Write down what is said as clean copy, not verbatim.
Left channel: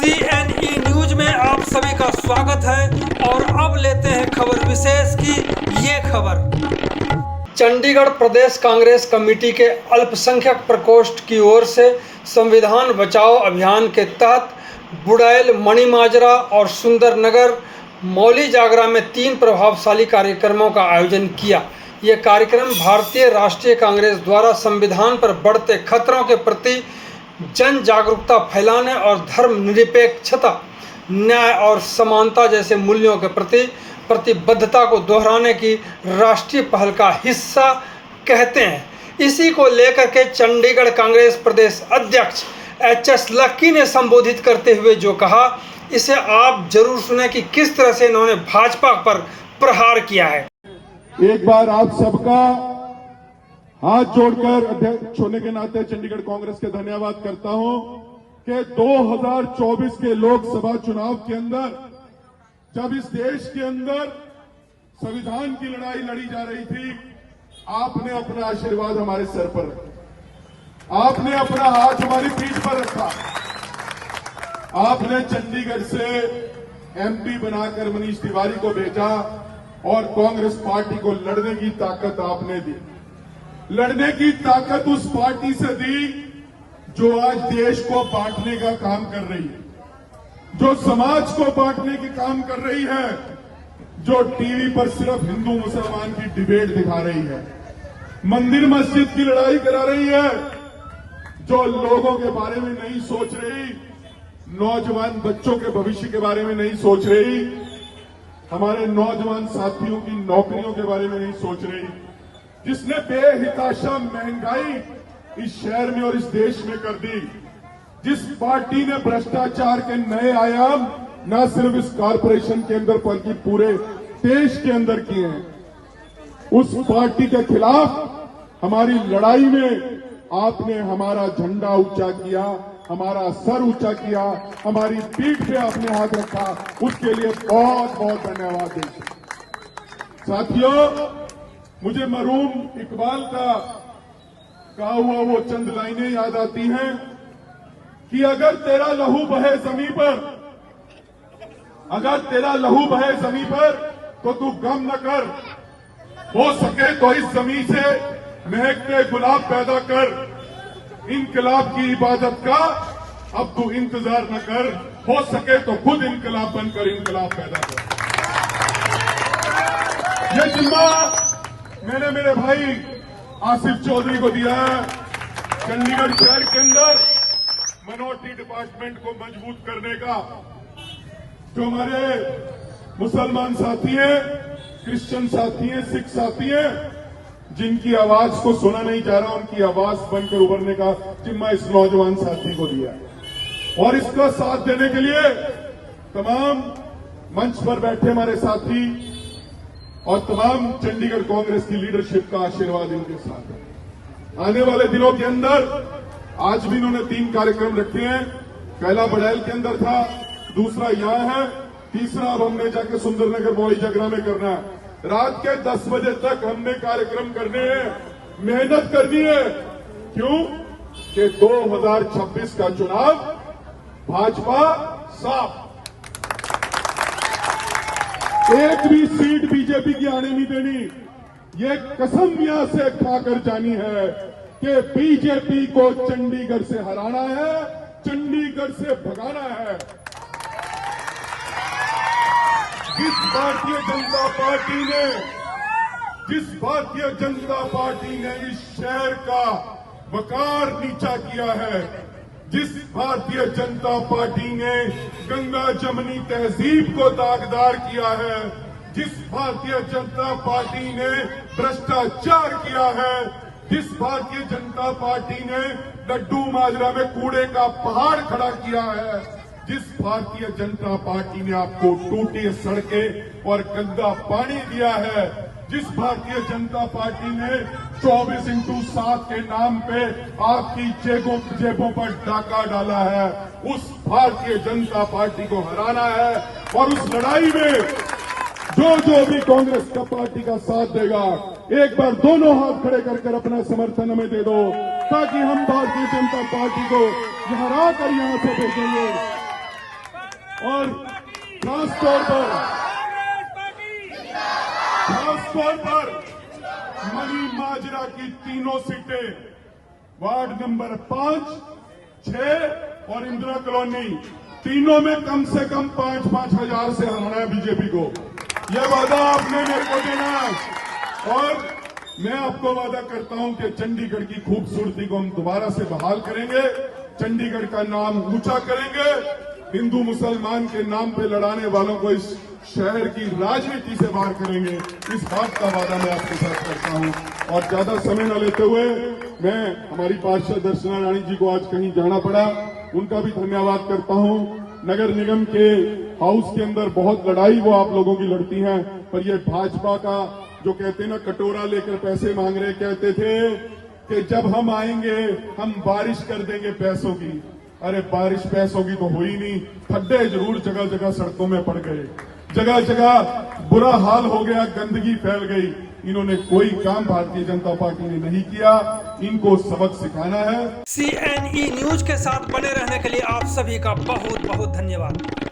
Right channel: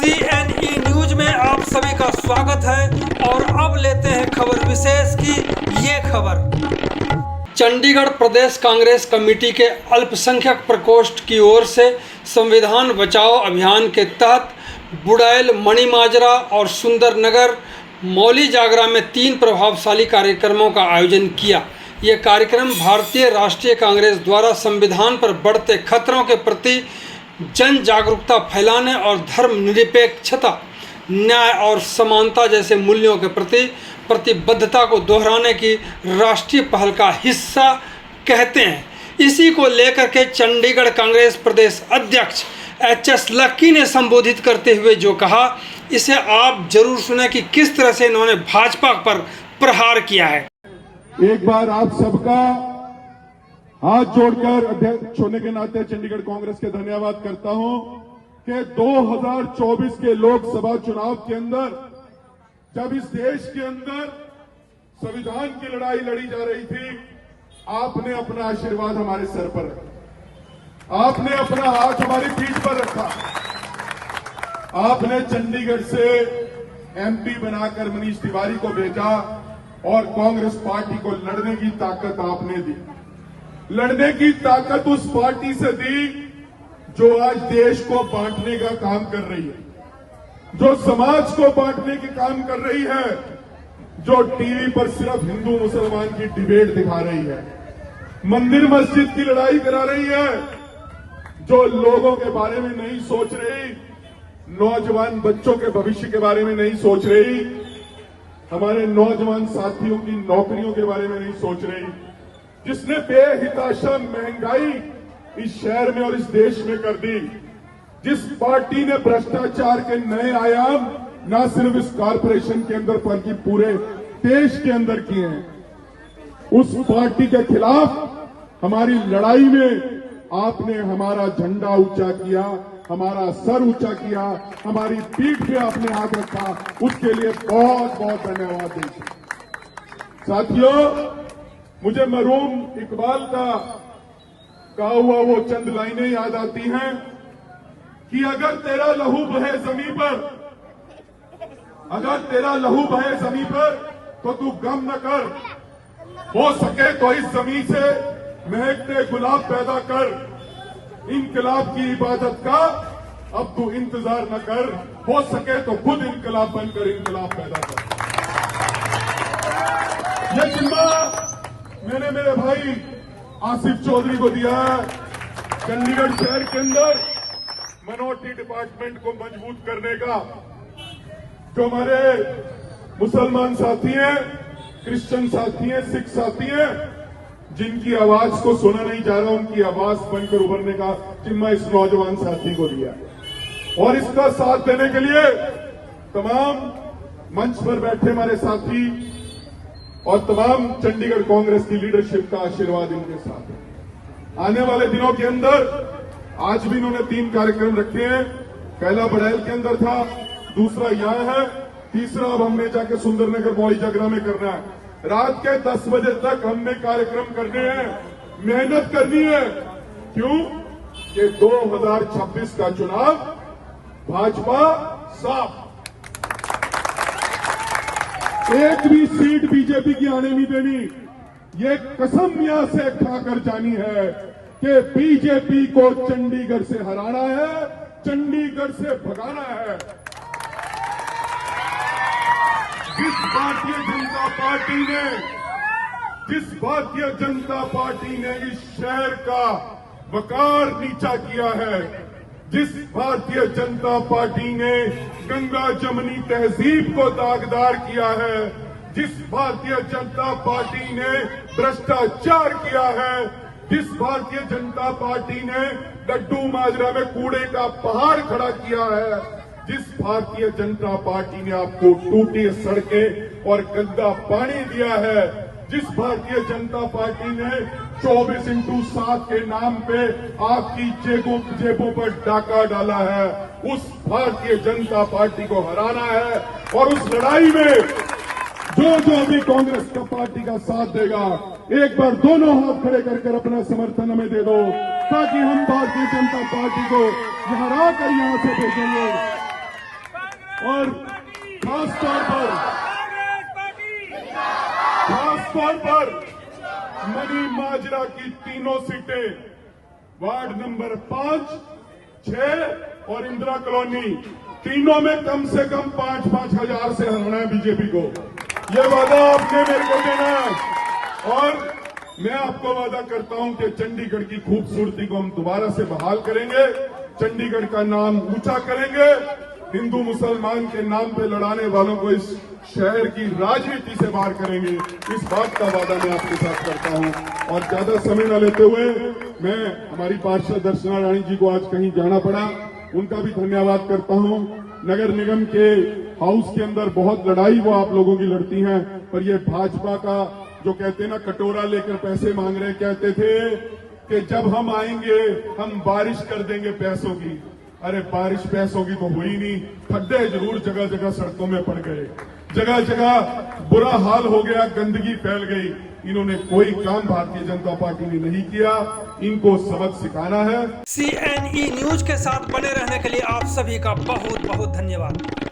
CNE news में आप सभी का स्वागत है और अब लेते हैं खबर विशेष की ये खबर। चंडीगढ़ प्रदेश कांग्रेस कमेटी के अल्पसंख्यक प्रकोष्ठ की ओर से संविधान बचाओ अभियान के तहत बुड़ैल, मणिमाजरा और सुंदरनगर मौली जागरा में 3 प्रभावशाली कार्यक्रमों का आयोजन किया। ये कार्यक्रम भारतीय राष्ट्रीय कांग्रेस द्वारा संविधान पर बढ़ते खतरों के प्रति जन जागरूकता फैलाने और धर्मनिरपेक्षता, न्याय और समानता जैसे मूल्यों के प्रति प्रतिबद्धता को दोहराने की राष्ट्रीय पहल का हिस्सा कहते हैं। इसी को लेकर के चंडीगढ़ कांग्रेस प्रदेश अध्यक्ष HS लक्की ने संबोधित करते हुए जो कहा, इसे आप जरूर सुने कि किस तरह से इन्होंने भाजपा पर प्रहार किया है। एक बार आप सबका हाथ जोड़कर अध्यक्ष होने के नाते चंडीगढ़ कांग्रेस के धन्यवाद करता हूं कि 2024 के लोकसभा चुनाव के अंदर जब इस देश के अंदर संविधान की लड़ाई लड़ी जा रही थी, आपने अपना आशीर्वाद हमारे सर पर रखा, आपने अपना हाथ हमारी पीठ पर रखा, आपने चंडीगढ़ से MP बनाकर मनीष तिवारी को भेजा और कांग्रेस पार्टी को लड़ने की ताकत आपने दी। लड़ने की ताकत उस पार्टी से दी जो आज देश को बांटने का काम कर रही है, जो समाज को बांटने के काम कर रही है, जो टीवी पर सिर्फ हिंदू मुसलमान की डिबेट दिखा रही है, मंदिर मस्जिद की लड़ाई करा रही है, जो लोगों के बारे में नहीं सोच रही, नौजवान बच्चों के भविष्य के बारे में नहीं सोच रही, हमारे नौजवान साथियों की नौकरियों के बारे में नहीं सोच रही, जिसने बेहिताशा महंगाई इस शहर में और इस देश में कर दी, जिस पार्टी ने भ्रष्टाचार के नए आयाम न सिर्फ इस कॉरपोरेशन के अंदर बल्कि पूरे देश के अंदर किए हैं, उस पार्टी के खिलाफ हमारी लड़ाई में आपने हमारा झंडा ऊंचा किया, हमारा सर ऊंचा किया, हमारी पीठ पे आपने हाथ रखा, उसके लिए बहुत बहुत धन्यवाद देते। साथियों, मुझे मरहूम इकबाल का कहा हुआ वो चंद लाइनें याद आती हैं कि अगर तेरा लहू बहे जमीन पर, अगर तेरा लहू बहे जमीन पर तो तू गम न कर, हो सके तो इस जमीन से महकते गुलाब पैदा कर, इनकलाब की इबादत का अब तू इंतजार न कर, हो सके तो खुद इनकलाब बनकर इनकलाब पैदा कर। यह जिम्मा मैंने मेरे भाई आसिफ चौधरी को दिया है। चंडीगढ़ शहर के अंदर मिनोरिटी डिपार्टमेंट को मजबूत करने का, जो हमारे मुसलमान साथी हैं, क्रिश्चियन साथी हैं, सिख साथी हैं, जिनकी आवाज को सुना नहीं जा रहा, उनकी आवाज बनकर उभरने का जिम्मा इस नौजवान साथी को दिया। और इसका साथ देने के लिए तमाम मंच पर बैठे हमारे साथी और तमाम चंडीगढ़ कांग्रेस की लीडरशिप का आशीर्वाद इनके साथ है। आने वाले दिनों के अंदर आज भी इन्होंने 3 कार्यक्रम रखे हैं। पहला बुड़ैल के अंदर था, दूसरा यहां है, तीसरा अब हमने जाके सुंदरनगर मौली जागरा में करना है। रात के 10 बजे तक हमने कार्यक्रम करने हैं, मेहनत करनी है। क्यों? कि 2026 का चुनाव भाजपा साफ, एक भी सीट बीजेपी की आने नहीं देनी। ये कसम यहां से खाकर जानी है कि बीजेपी को चंडीगढ़ से हराना है, चंडीगढ़ से भगाना है। जिस भारतीय जनता पार्टी ने इस शहर का वकार नीचा किया है, जिस भारतीय जनता पार्टी ने गंगा जमनी तहजीब को दागदार किया है, जिस भारतीय जनता पार्टी ने भ्रष्टाचार किया है, जिस भारतीय जनता पार्टी ने लड्डू माजरा में कूड़े का पहाड़ खड़ा किया है, जिस भारतीय जनता पार्टी ने आपको टूटी सड़कें और गंदा पानी दिया है, जिस भारतीय जनता पार्टी ने 24x7 के नाम पे आपकी जेबों पर डाका डाला है, उस भारतीय जनता पार्टी को हराना है। और उस लड़ाई में जो भी कांग्रेस का पार्टी का साथ देगा, एक बार दोनों हाथ खड़े कर अपना समर्थन हमें दे दो, ताकि हम भारतीय जनता पार्टी को हरा कर यहां से भेजेंगे। तौर पर मनी माजरा की तीनों सीटें वार्ड नंबर 5, 6 और इंदिरा कॉलोनी, तीनों में कम से कम 5-5 हजार से हराना है बीजेपी को। ये वादा आपने मेरे को देना है और मैं आपको वादा करता हूं कि चंडीगढ़ की खूबसूरती को हम दोबारा से बहाल करेंगे, चंडीगढ़ का नाम ऊंचा करेंगे, हिंदू मुसलमान के नाम पे लड़ाने वालों को इस शहर की राजनीति से बाहर करेंगे। इस बात का वादा मैं आपके साथ करता हूं और ज्यादा समय न लेते हुए मैं हमारी पार्षद दर्शना रानी जी को आज कहीं जाना पड़ा, उनका भी धन्यवाद करता हूं। नगर निगम के हाउस के अंदर बहुत लड़ाई वो आप लोगों की लड़ती हैं, पर ये भाजपा का जो कहते हैं ना कटोरा लेकर पैसे मांग रहे, कहते थे कि जब हम आएंगे हम बारिश कर देंगे पैसों की। अरे बारिश पैसों की तो हुई नहीं, खड्डे जरूर जगह जगह सड़कों में पड़ गए, जगह जगह बुरा हाल हो गया, गंदगी फैल गई। इन्होंने कोई काम भारतीय जनता पार्टी ने नहीं किया, इनको सबक सिखाना है। CNE न्यूज के साथ बने रहने के लिए आप सभी का बहुत बहुत धन्यवाद।